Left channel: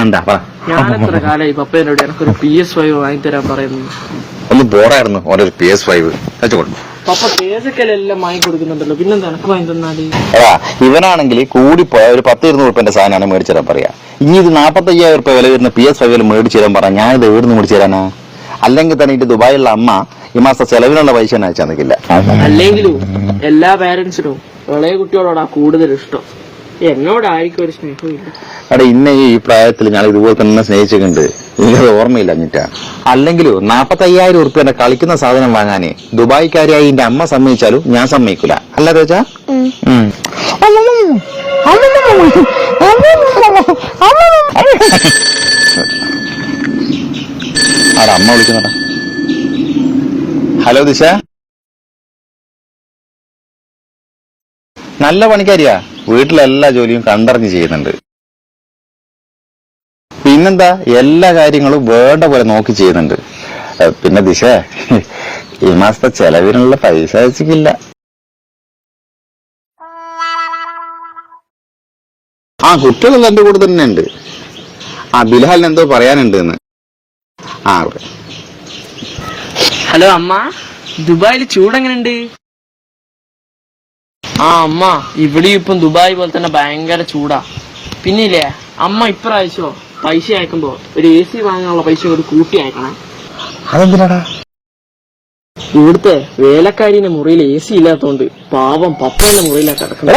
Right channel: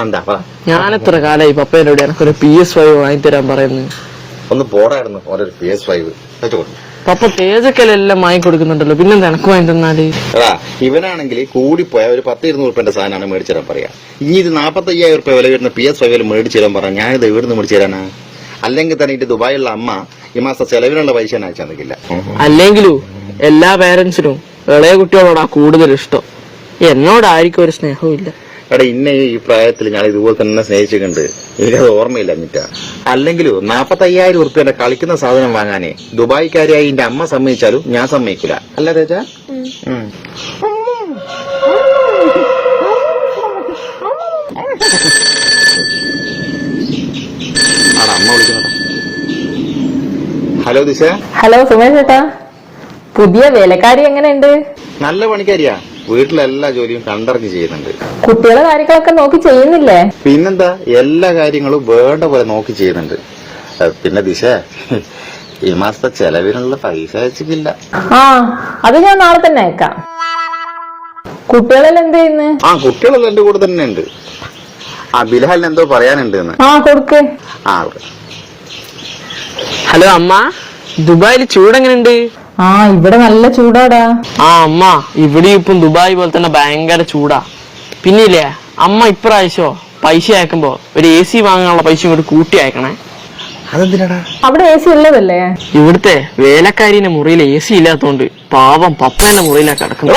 എന്താ പറ? ഞാനെത്ര കാലായി പപ്പേനോട് എനിക്കൊരു PS5 വാങ്ങിത്തരാൻ പറയുന്നു. ഒന്ന് ബോറായിരുന്നു ഓരോ PS5 വെച്ചോളൂ. പപ്പ തേജക്കലെല്ലാം വാങ്ങി കൊടുക്കുന്നുണ്ടല്ലോ, പിന്നെന്താ എനക്ക് വാങ്ങി തന്നാല്? എടാ ഇവനാണെങ്കിൽ കൂടിപ്പോയ ഒരു 10-20 ഉറുപ്പിന്റെ സാധനമാണ് മേടിച്ചു തരാൻ പറയാ. ഇനി ഇത് 45,000 രൂപ വില വരുന്ന PS5 മേടിച്ചു തരാൻ പറയാം. ഞാനിത് എവിടുന്ന് മേടിച്ചു തരാനാ? അല്ലെങ്കിൽ തന്നെ ഇത് ദുബായിലുള്ള അമ്മ ഈ മാസം ചെലവിനുള്ള പൈസ തന്നെ അയച്ചാൽ നിൽക്കില്ല. അല്ലെങ്കിലും എല്ലാ പേരൻസിനും ഇളയ കുട്ടികളോടാ കൂടുതൽ ഇഷ്ടം. എന്നോടായിരിക്കും ഒരു സ്നേഹവും ഇല്ല. അവിടെ ഇന്ന ഈ പ്രായത്തിൽ ഞാൻ ഇതുപോലെ തന്നെ സ്നേഹിച്ചിട്ടുണ്ട്. എനിക്കത് ഓർമ്മയില്ല എന്നിട്ടാ. അല്ലെങ്കിലും 45,000 ഉറുപ്പിന്റെ കളിക്കുന്ന സാധനം വാങ്ങാനേ ദുബായിക്കാരിയായി എന്റെ അമ്മ സമ്മതിച്ചാലും ഞാൻ സമ്മതിക്കൂല. അല്ല രോജ? അവിടെ അമ്മ വിളിക്കുന്നതാ. ഹലോ ദിശ. ഹലോ സുമേഷ് ചേട്ടാ, പുതിയ വേലക്കാരി എങ്ങനെയുണ്ട്? നല്ല പണിക്കാരിയാ. വീട്ടിലെല്ലാ ജോലിയും കണ്ടറിഞ്ഞ് ചെയ്യുന്നുണ്ട്. കുട്ടികളെ കാര്യങ്ങളൊക്കെ നോക്കി ചെയ്യുന്നില്ലേ? പിന്നെന്താ, എല്ലാ കാര്യങ്ങളും വേണ്ട പോലെ നോക്കി ചെയ്യുന്നുണ്ട്. പിന്നെ ദിശ, ഈ മാസത്തെ ചെലവിനുള്ള പൈസ അയച്ചിട്ടില്ല. ആ, അത് ഞാൻ നാളെ തന്നെ അയക്കാം. കുട്ടികളെല്ലാം എന്ത് ചെയ്യുന്നു? കുട്ടികളെല്ലാം എന്റെ കൂടെ തന്നെ ഉണ്ട്. ബിലാലിന് എന്തോ പറയാനുണ്ട്. കൊടുക്ക്. ഹലോ അമ്മ, ദുബായിൽ ചൂടെങ്ങനെയുണ്ട്? ഇവിടെ നല്ല ചൂടാടാ. അമ്മ, ഇവിടെ ഇപ്പം ദുബായ് പോലെ തന്നെ ഭയങ്കര ചൂടാ. പിന്നില്ലേ അമ്മ ഇപ്രാവശ്യോ പൈസ അയക്കുമ്പോ ഒരു AC വാങ്ങാനുള്ള പൈസ ഇങ്ങോട്ട് കൂട്ടി അയക്കണേ. അതെന്തിനാടാ? അവിടെ AC ഉള്ളതല്ലേ? ഇവിടുത്തെ വേലക്കാരിന്റെ മുറിയിൽ AC ഇല്ലാത്തോണ്ട് പാവം പപ്പന്റെ മുറിയിലാണ് കിടക്കുന്നത്.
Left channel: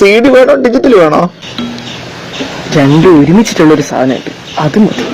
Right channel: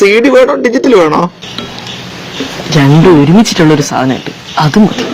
CD വേണോ ഡിജിറ്റൽ വേണോ? രണ്ടും ഒരുമിച്ചിട്ടുള്ളൊരു സാധനമുണ്ട്, അത് മതി.